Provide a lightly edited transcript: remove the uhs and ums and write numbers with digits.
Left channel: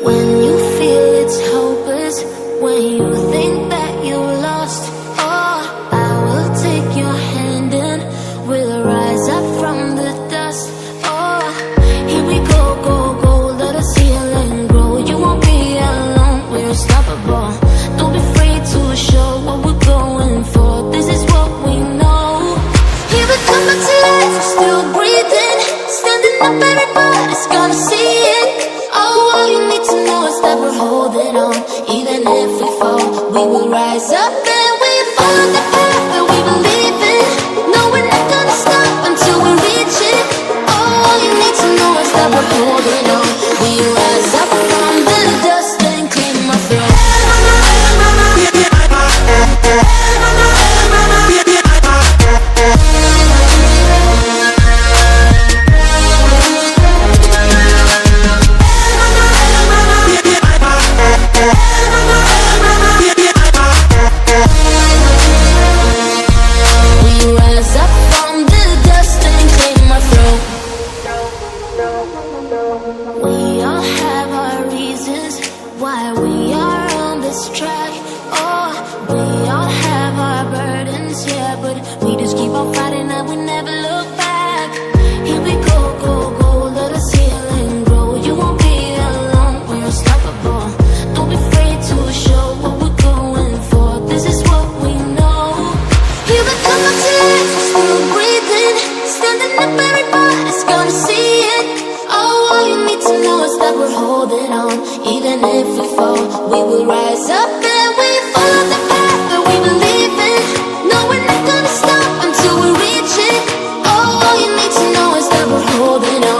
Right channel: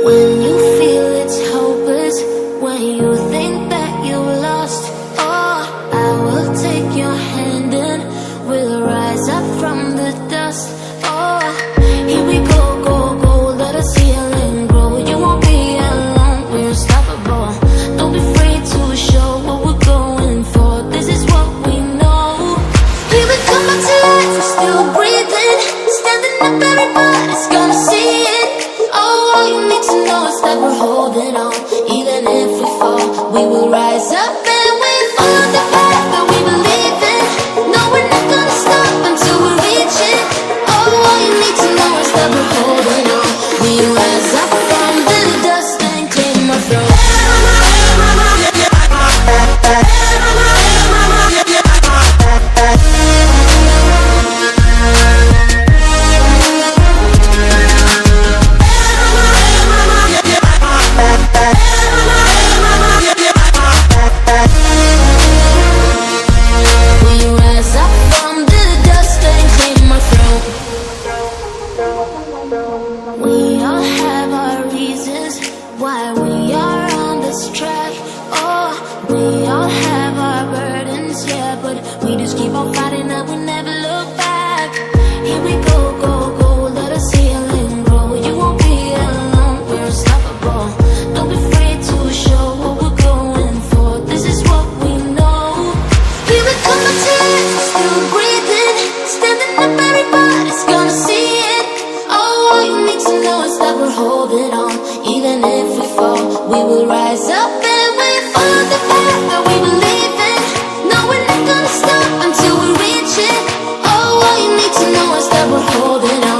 When you feel it's hopeless, when you think that you lost, oh, I will take your hand and we'll rise up from the dust. Oh, here we go, go, go, let us heal and grow. You won't be alone, we're unstoppable. Don't be afraid to show what we're going for. This is what we know. Here we come back to life, we're still breathing. Standing up, everybody's gonna see it. Oh, all you need to know is that we're holding on. Even if we fall, we will rise up and we follow the path that we believe in. No, we're not gonna stop until we reach it. Oh, all you need to know is that we're holding on. We rise up from the dust and claim our throne. We all have our reasons why we are on this track. Oh, we all have our burdens, yeah, but we just keep on fighting and we never look back. Here we go, go, go, let us heal and grow. You won't be alone, we're unstoppable. Don't be afraid to show what we're going for. This is what we know. Here we come back to life, we're still breathing. Standing up, everybody's gonna see it. Oh, all you need to know is that we're holding on. Even if we fall, we will rise up and we follow the path that we believe in. No, we're not gonna stop until we reach it. Oh, all you need to know is that we're holding on.